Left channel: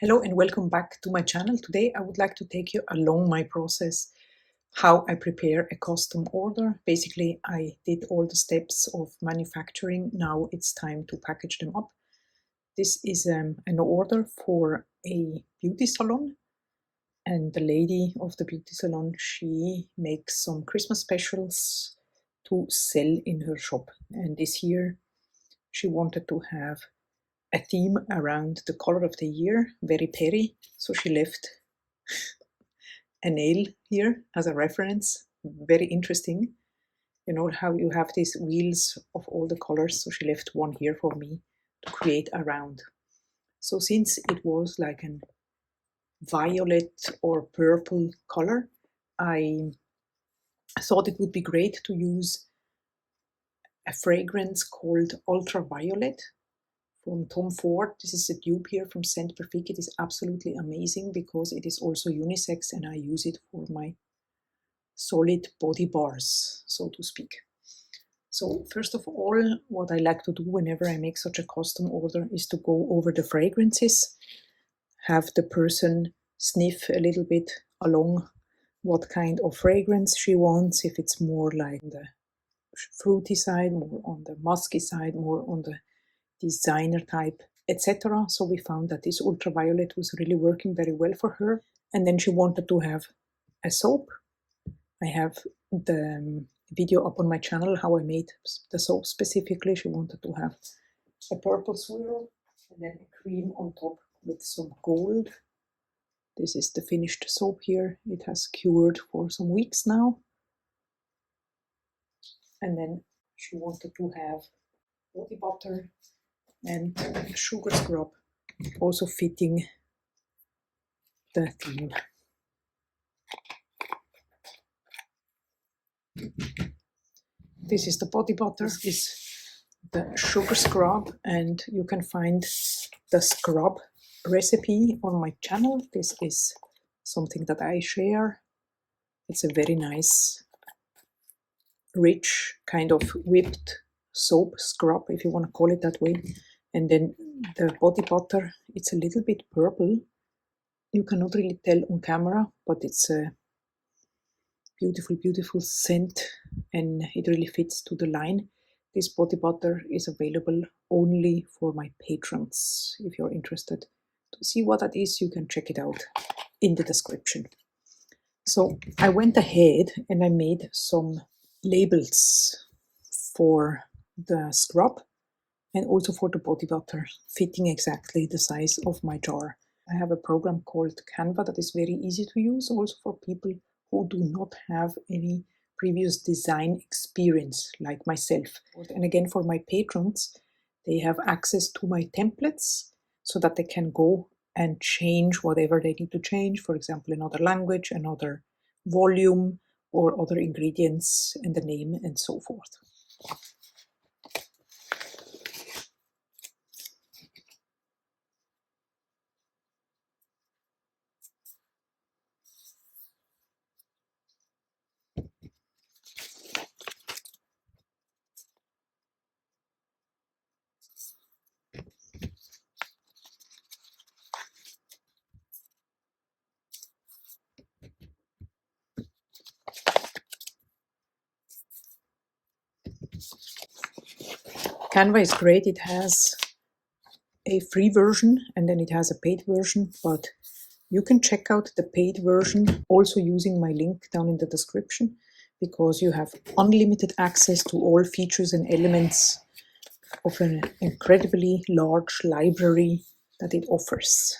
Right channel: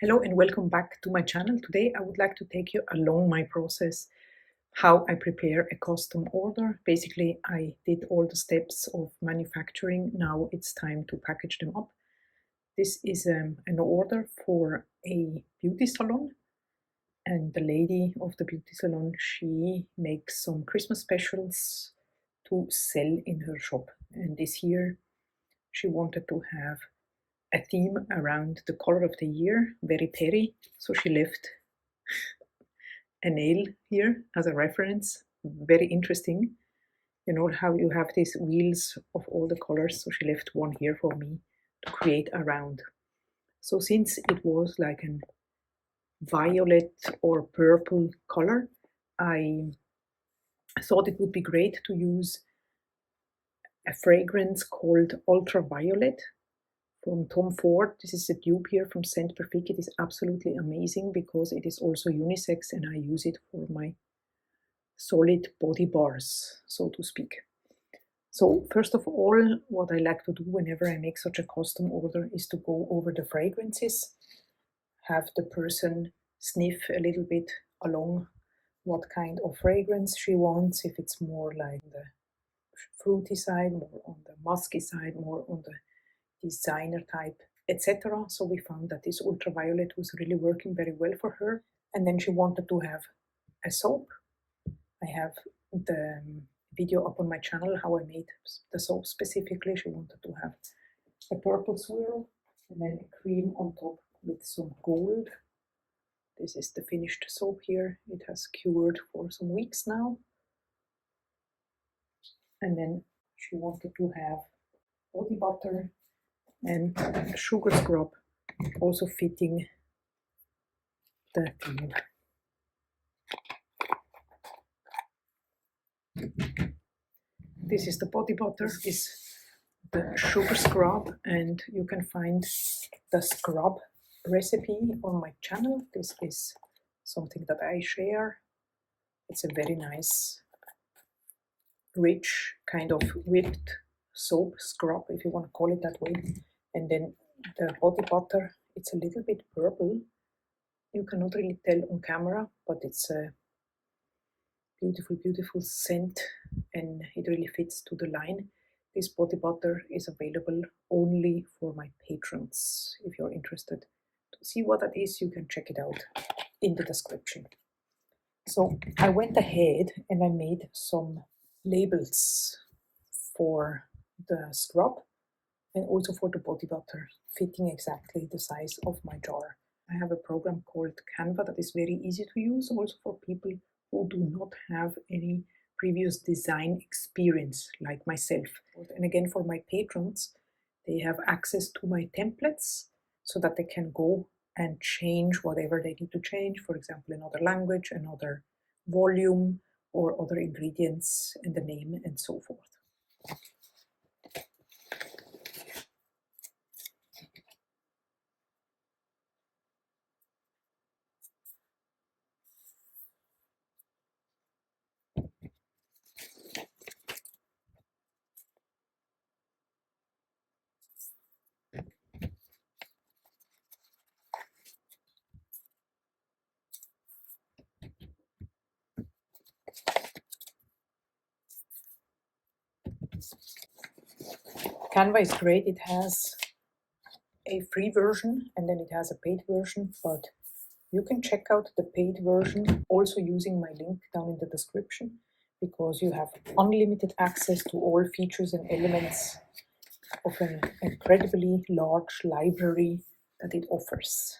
Hello and welcome back to my channel. Today I would like to take you along my process, how I prepare a custom order. Basically, I did all the steps of manufacturing. Now it's time to package them up. This is an order for a beauty salon, and the lady of the beauty salon, she makes some Christmas specials to sell in her shop. And this year she wanted to have a theme around the color of the year, very peri. So she left a nail here as a reference. Very interesting. You know how you have these wheels of all the colors. So she left one here for me to create a round. So since it was like an violet or purple color, I thought it would be great to use a fragrance called Ultraviolet from Tom Ford. This is a dupe here from Scent Perfect. It is absolutely amazing because it is also unisex and I use it for my solid body bars, so to speak. So first of all, what I like to do whenever I make such a custom order is to go over the fragrances, have the person sniff a little bit along what kind of fragrance she wants, if it's more like the fruity side, more on the musky side, more on the designer type, etc. So we found that this ultraviolet was really working very well for her. And then she wanted to have a soap. I have the video up on my channel how I made the soap specifically. She wanted to have a purple swirl and then a cream on top with some gold. This is the finished soap here. It has cured for some weeks now. And then she wanted to have body butter and sugar scrub, also fitting the theme. This is the body butter, this is the sugar scrub, and you can find the scrub recipe on my channel. This is something that I share. It's a very nice, rich, kind of whipped soap scrub, if you want to call it that way. And then the body butter, it's a little bit purple. You cannot really tell on camera, but it's a beautiful, beautiful scent and it really fits to the line. This body butter is available only for my patrons. If you're interested to see what that is, you can check it out in the description. So I went ahead and I made some labels for the scrub and also for the body butter, fitting exactly the size of my jar. I have a program called Canva that is very easy to use, also for people who do not have any previous design experience like myself. And again, for my patrons, they have access to my templates so that they can go and change whatever they need to change, for example, another language, another volume, or other ingredients and the name and so forth. Canva is great. It has a free version and then it has a paid version, but you can check out the paid version also using my link down in the description, because you have unlimited access to all features and elements of an incredibly large library that it offers.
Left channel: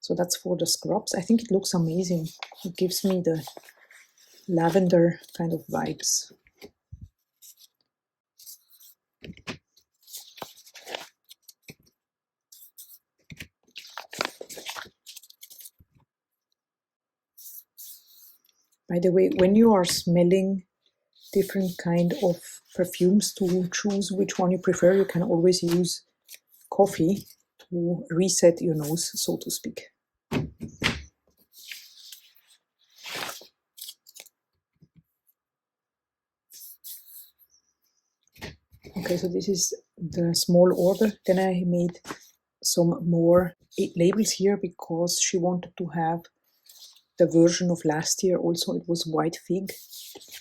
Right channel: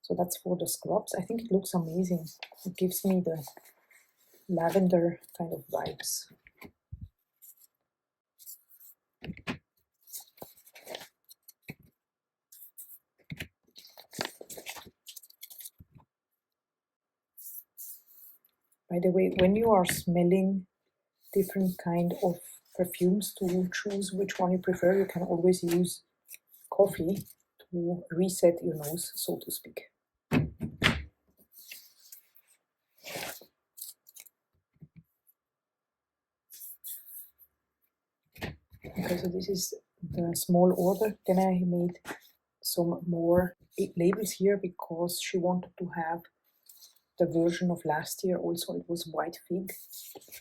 So that's for the scrubs. I think it looks amazing. It gives me the lavender kind of vibes. By the way, when you are smelling different kind of perfumes, to choose which one you prefer, you can always use coffee to reset your nose, so to speak. Okay, so this is the small order. Then I made some more labels here because she wanted to have the version of last year also. It was white fig,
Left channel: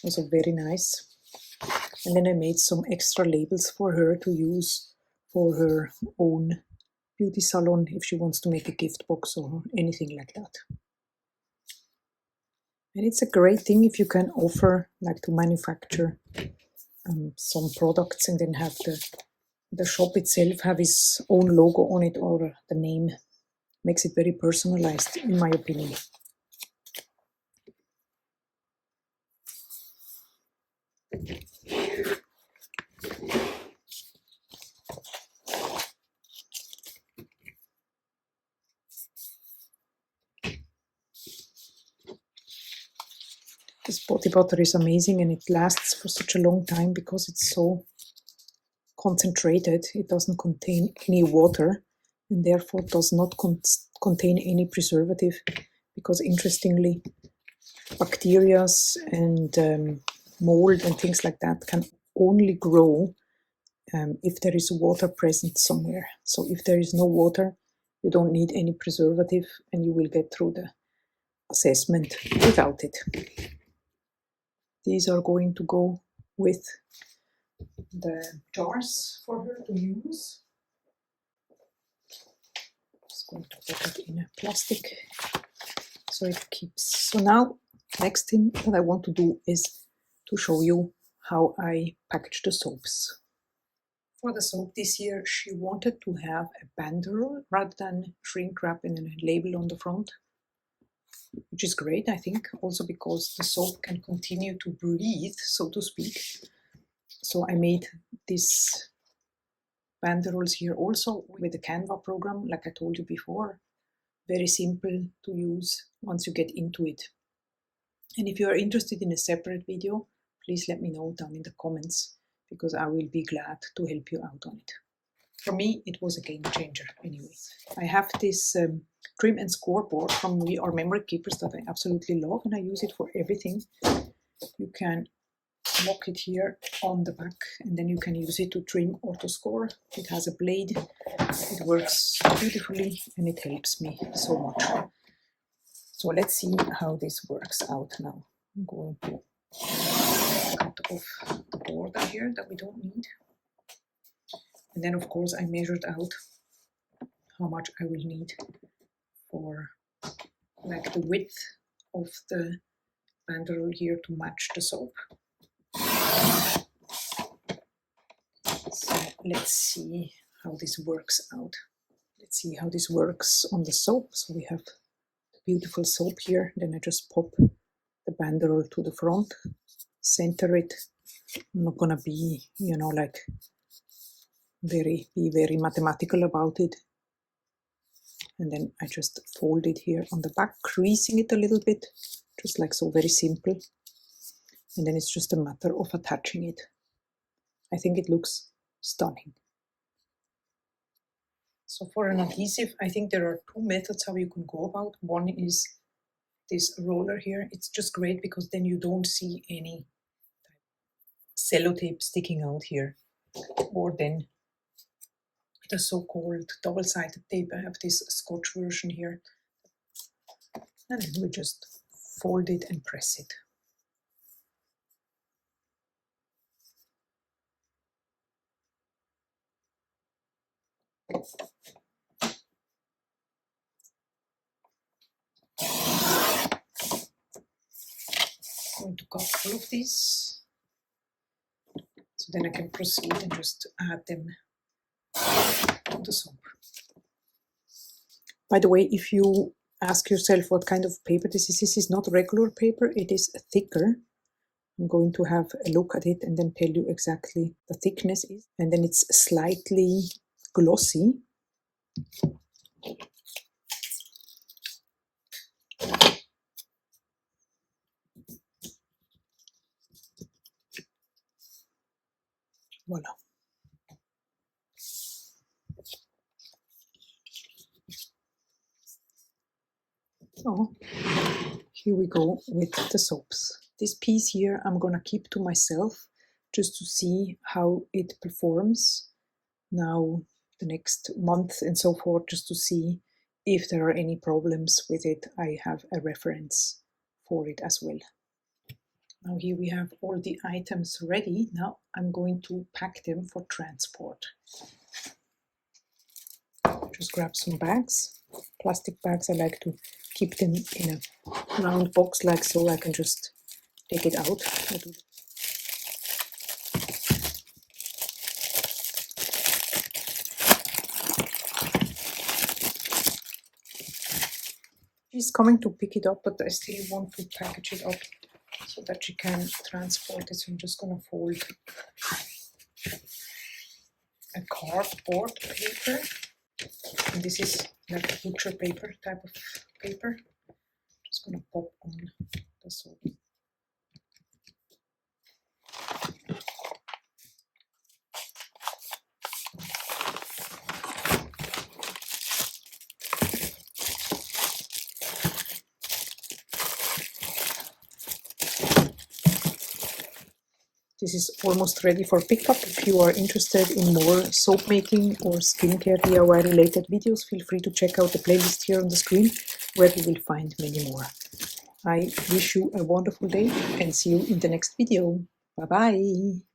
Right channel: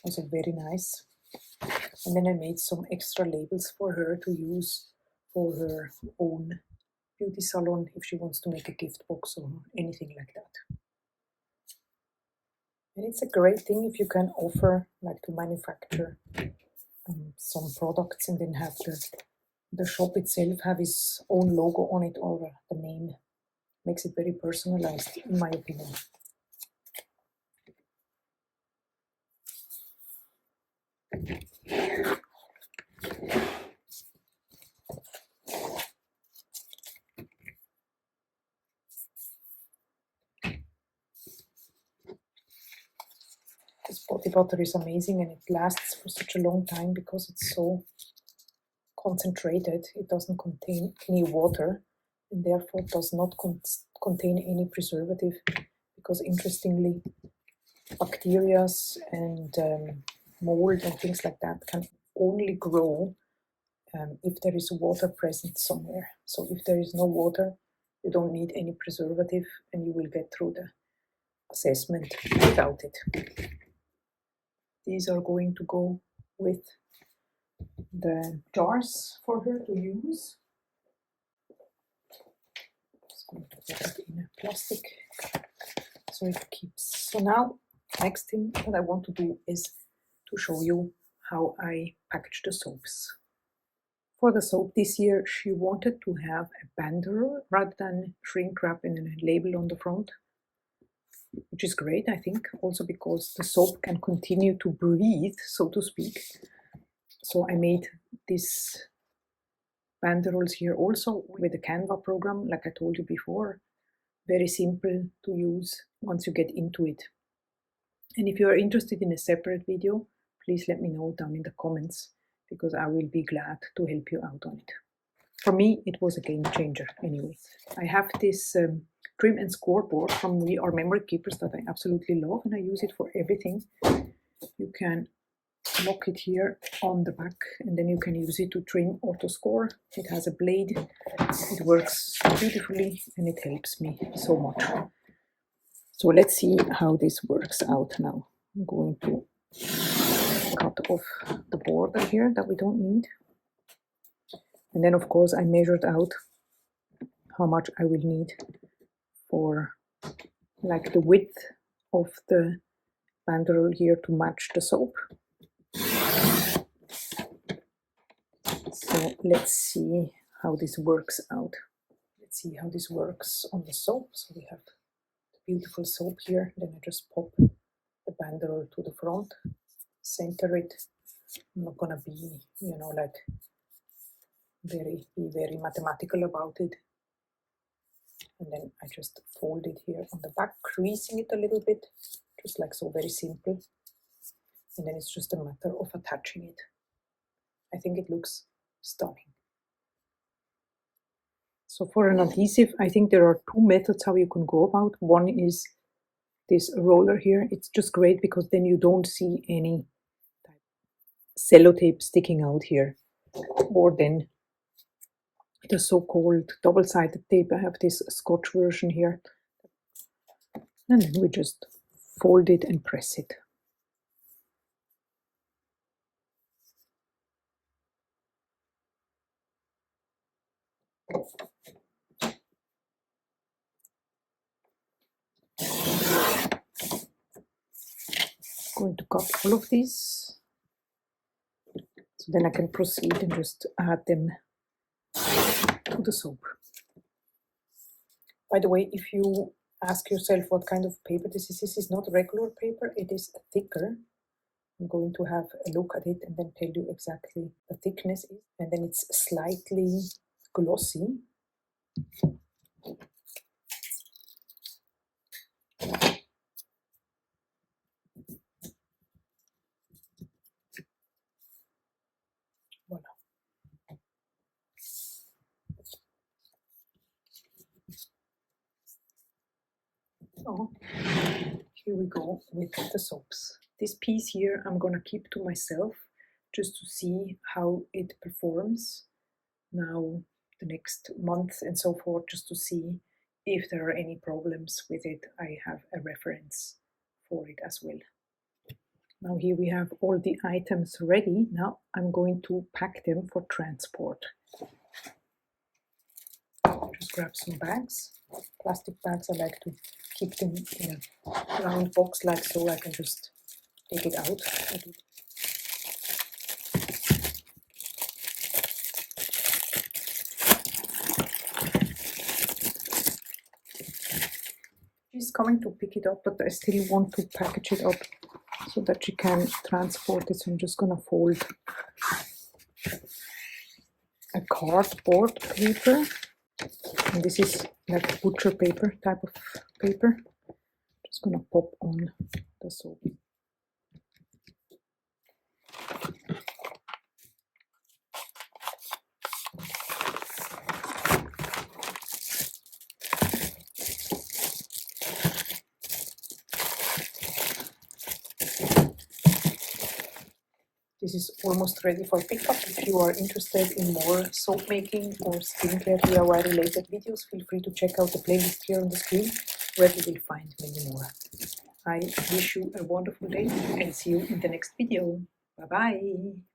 also very nice. And then I made some extra labels for her to use for her own beauty salon if she wants to make a gift box or anything like that. And it's a great thing if you can offer, like, to manufacture some products and then have the shop itself have its own logo on it or the name. Makes it very personalized, in my opinion. This body butter is amazing and it lasts for such a long time because it's so concentrated. It doesn't contain any water and therefore does not contain any preservative, because interestingly, bacteria and mold and things like that can only grow if there is water present somewhere. So if there is no water, you don't need any preservative and you will get through the assessment without it. These are going to go with the jars for her to use. Just going to put it in a plastic so it keeps. So now, next thing that I want to do is to show you how I package the soaps. For the soap this year, she wanted to have a banderole rather than shrink wrap and a label on the front, which is great, I think, also because the soap can continue to breathe, so to speak. So I made these banderoles here also with the Canva program, like I told you before. Very simple to use once you get into it. And if you are interested in a separate video, please let me know down in the comments, because I will be glad to help you out on it. For me, it was a game changer anyway. I have this trim and scoreboard from We Are Memory Keepers that I absolutely love, and I use it for everything. You can lock it here on the back and then you can use it to trim or to score. It has a blade, it works beautifully and it helps me so much. So let's see how this works out now. I'm going to cut off the border here that we don't need. And then of course I measured out how much I will need for, like, the width of the banderole here to match the soap. So let's see how this works out. Let's see how this works on the soap. So we have beautiful soap here. Then I just pop the banderole to the front, center it. I'm not gonna be, like be very mathematical about it. And then I just fold it here on the back, creasing it a little bit, just like so, very simple. And then it's just a matter of attaching it. I think it looks stunning. So for an adhesive, I think there are two methods how you can go about. One is this roller here. It's just great because then you don't see any sellotape sticking out here. Or then the so-called double-sided tape. I have this Scotch version here. And then we just fold it and press it. I'm going to cut all of these. So then I can proceed and just add them to the soap. By the way, if you ask yourself what kind of paper this is not regular paper, it is thicker. I'm going to have a look at it and then tell you exactly the thickness is. And then it's slightly glossy. Voila. So here we go with the soaps. This piece here I'm gonna keep to myself just to see how it performs. Now the next month and so forth, just to see if there are any problems with it. I have a reference for it as well. Now here we have all the items ready. Now I'm going to pack them for transport. Just grab some bags, plastic bags. I like to keep them in a round box like so. I can just take it out. She's coming to pick it up, but I still want to package it up so that she can transport it. So I'm just gonna fold a cardboard paper, and this is like butcher paper type of paper. Just gonna pop on the soap. This is almost ready for pickup. If you are interested in more soap making or skincare DIY related videos, feel free to check out the playlist here on the screen, where you will find many more. I wish you a wonderful day and see you in the next video. Bye bye.